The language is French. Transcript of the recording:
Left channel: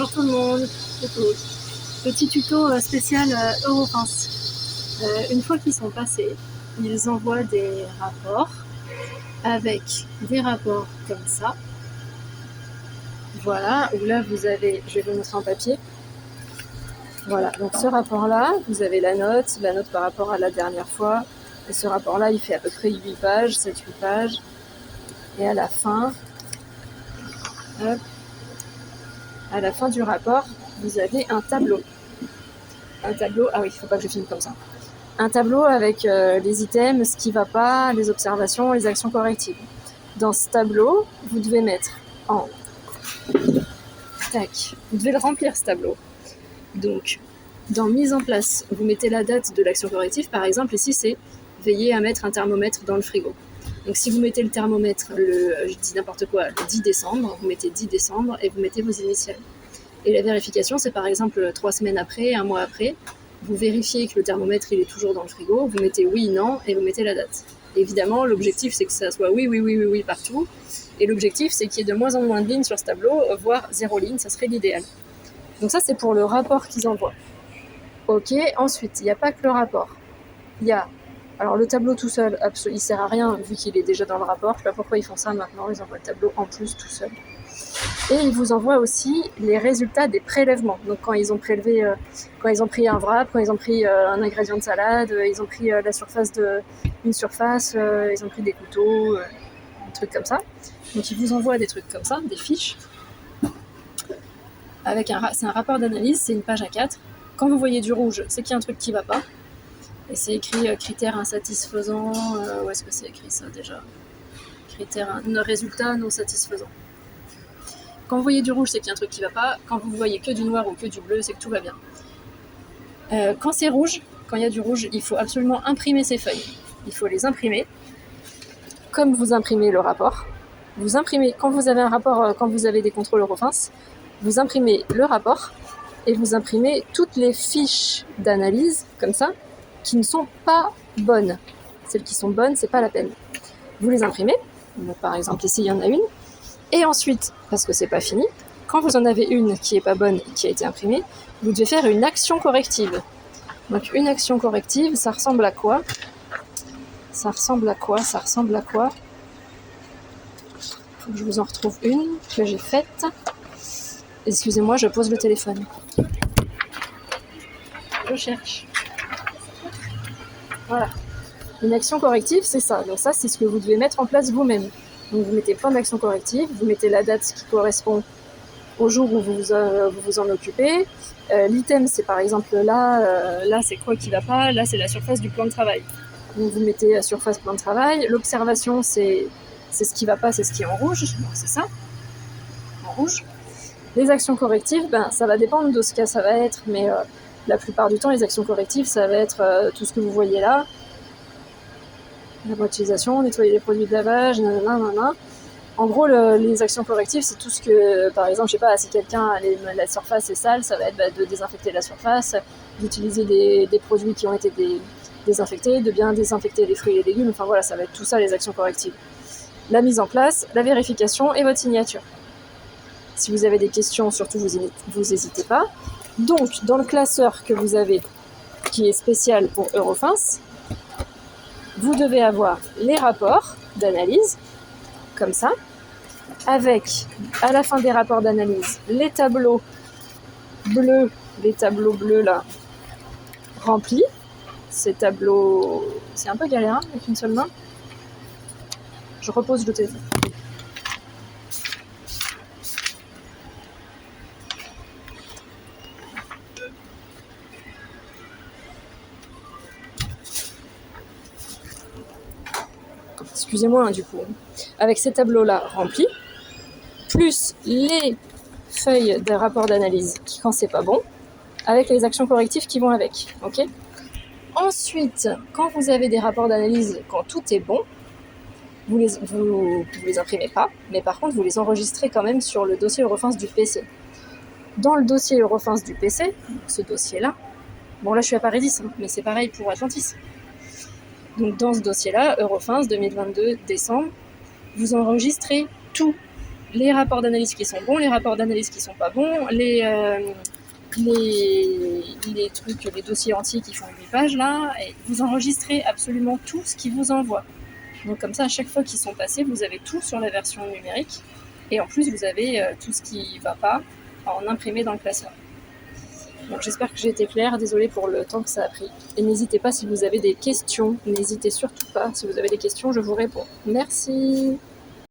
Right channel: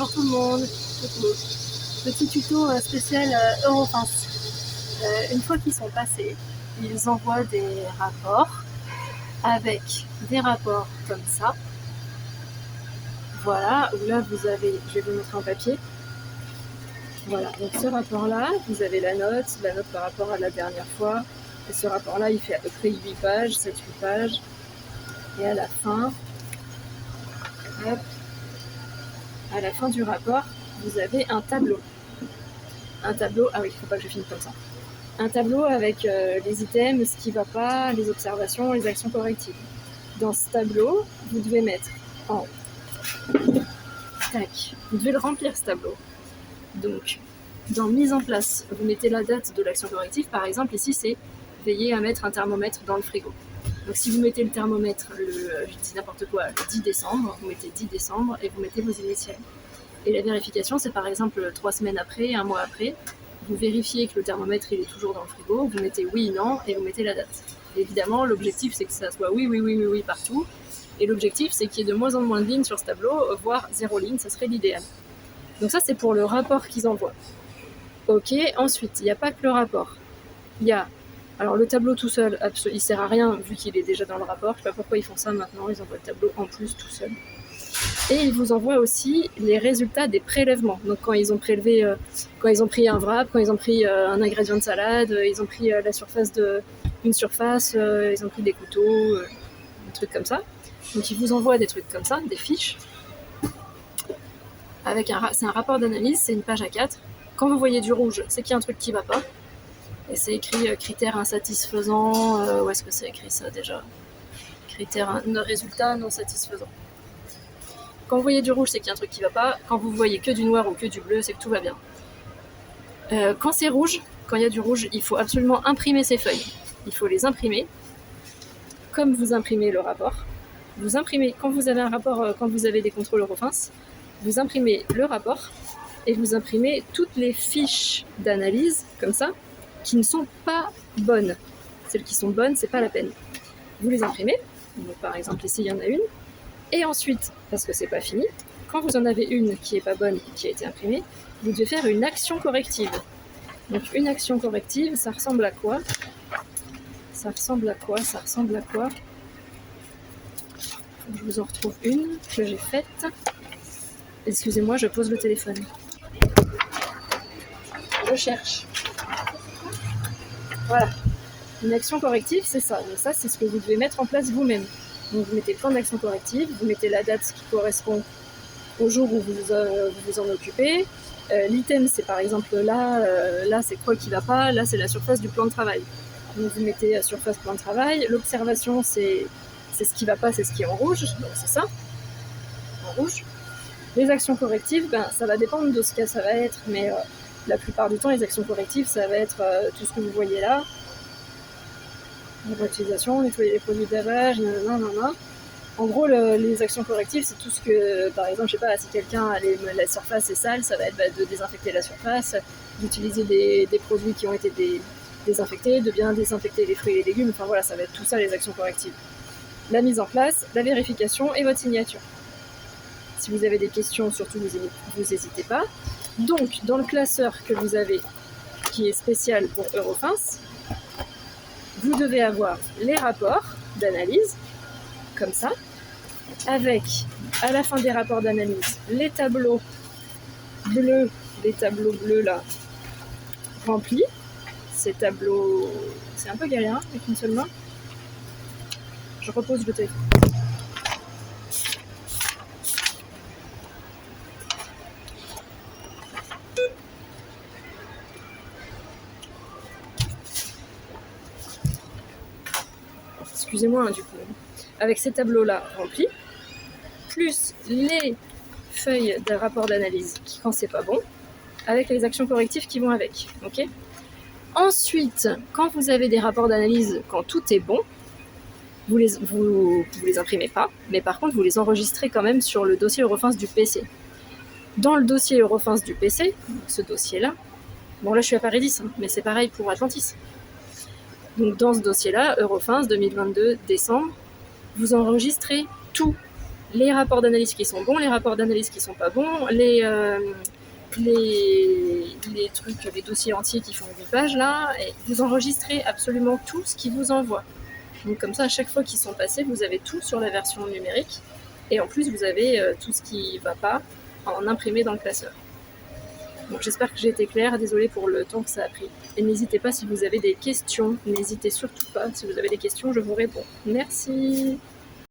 Bonjour tout le monde. Petit tuto spécial Eurofins. Une fois qu'ils sont passés, ils envoient des rapports avec des rapports comme ça. Voilà, où là vous avez, je vais vous montrer en papier. Voilà, donc ce rapport-là, vous avez la note par rapport à la dernière fois. Et ce rapport-là, il fait à peu près 8 pages, 7-8 pages. Et à la fin, hop, à la fin du rapport, vous avez un tableau. Ah oui, il faut pas que je filme comme ça. Un tableau avec les items, ce qui va pas, les observations, les actions correctives. Dans ce tableau, vous devez mettre en... Tac. Vous devez le remplir, ce tableau. Donc, dans mise en place, vous mettez la date de l'action corrective. Par exemple, ici, c'est veiller à mettre un thermomètre dans le frigo. Donc, si vous mettez le thermomètre, je dis n'importe quoi, le 10 décembre, vous mettez 10 décembre et vous mettez vos initiales. Et la vérification, c'est par exemple 3 semaines après, 1 mois après. Vous vérifiez que le thermomètre il est toujours dans le frigo, vous mettez oui, non, et vous mettez la date. Évidemment, l'objectif, c'est que ça soit oui partout. Et l'objectif, c'est qu'il y ait de moins en moins de lignes sur ce tableau, voire 0 ligne, ça serait l'idéal. Donc ça, c'est pour le rapport qu'ils envoient. Ok, ensuite, il n'y a pas que le rapport. Il y a... Alors le tableau tout seul, il sert à rien, vu qu'il est déjà dans le rapport. Je sais pas pourquoi ils font ça maintenant, ils envoient le tableau en plus tout seul. Et ils vous envoient aussi les résultats des prélèvements. Donc quand ils ont prélevé, quand ils ont pris un wrap, quand ils ont pris un ingrédient de salade, ils ont pris la surface d'une surface, ils ont pris des couteaux, des trucs comme ça. Donc ils vous envoient des trucs comme ça, des fiches. C'est un rapport d'analyse, c'est une page A4. Quand vous voyez du rouge, c'est qu'il y a un truc qui ne va pas. Et c'est écrit critères insatisfaisants. Où est-ce que c'est écrit ça déjà ? Résultats non satisfaisants. Quand vous voyez du rouge, c'est qu'il y a un truc qui ne va pas. Quand vous voyez que du noir ou que du bleu, c'est que tout va bien. Quand c'est rouge, quand il y a du rouge, il faut absolument imprimer ces feuilles. Il faut les imprimer, comme vous imprimez le rapport. Vous imprimez, quand vous avez un rapport, quand vous avez des contrôles Eurofins, vous imprimez le rapport et vous imprimez toutes les fiches d'analyse, comme ça, qui ne sont pas bonnes. Celles qui sont bonnes, c'est pas la peine. Vous les imprimez. Donc, par exemple, ici, il y en a une. Et ensuite, parce que c'est pas fini, quand vous en avez une qui est pas bonne et qui a été imprimée, vous devez faire une action corrective. Donc une action corrective, ça ressemble à quoi ? Ça ressemble à quoi ? Faut que je vous en retrouve une que j'ai faite. Excusez-moi, je pose le téléphone. Je cherche. Voilà. Une action corrective, c'est ça. Donc ça, c'est ce que vous devez mettre en place vous-même. Donc vous mettez plein d'actions correctives, vous mettez la date qui correspond au jour où vous vous en occupez. L'item, c'est par exemple là c'est quoi qui va pas, là c'est la surface du plan de travail. Donc vous mettez la surface plan de travail. L'observation, c'est ce qui va pas, c'est ce qui est en rouge, donc c'est ça, en rouge. Les actions correctives, ça va dépendre de ce que ça va être, mais la plupart du temps, les actions correctives, ça va être tout ce que vous voyez là. La utilisation, nettoyer les produits de lavage, nanana. En gros, les actions correctives, c'est tout ce que, par exemple, je sais pas, si quelqu'un, la surface est sale, ça va être de désinfecter la surface, d'utiliser des produits qui ont été désinfectés, de bien désinfecter les fruits et les légumes, enfin voilà, ça va être tout ça, les actions correctives. La mise en place, la vérification et votre signature. Si vous avez des questions, surtout, vous n'hésitez pas. Donc, dans le classeur que vous avez, qui est spécial pour Eurofins, vous devez avoir les rapports d'analyse, comme ça, avec, à la fin des rapports d'analyse, les tableaux bleus là, remplis. Ces tableaux, c'est un peu galère avec une seule main. Je repose le téléphone. Excusez-moi, du coup. Avec ces tableaux-là remplis, plus les feuilles de rapport d'analyse quand c'est pas bon, avec les actions correctives qui vont avec. Ok ? Ensuite, quand vous avez des rapports d'analyse, quand tout est bon, vous les imprimez pas, mais par contre, vous les enregistrez quand même sur le dossier Eurofins du PC. Dans le dossier Eurofins du PC, ce dossier-là, bon là je suis à Paradis, mais c'est pareil pour Atlantis. Donc dans ce dossier-là, Eurofins 2022 décembre, vous enregistrez tout. les rapports d'analyse qui sont bons, les rapports d'analyse qui sont pas bons, les trucs, les dossiers entiers qui font 8 pages là, et vous enregistrez absolument tout ce qu'ils vous envoient. Donc comme ça, à chaque fois qu'ils sont passés, vous avez tout sur la version numérique, et en plus vous avez tout ce qui va pas en imprimé dans le classeur. Donc j'espère que j'ai été claire, désolée pour le temps que ça a pris. Et n'hésitez pas si vous avez des questions, n'hésitez surtout pas, si vous avez des questions, je vous réponds. Merci.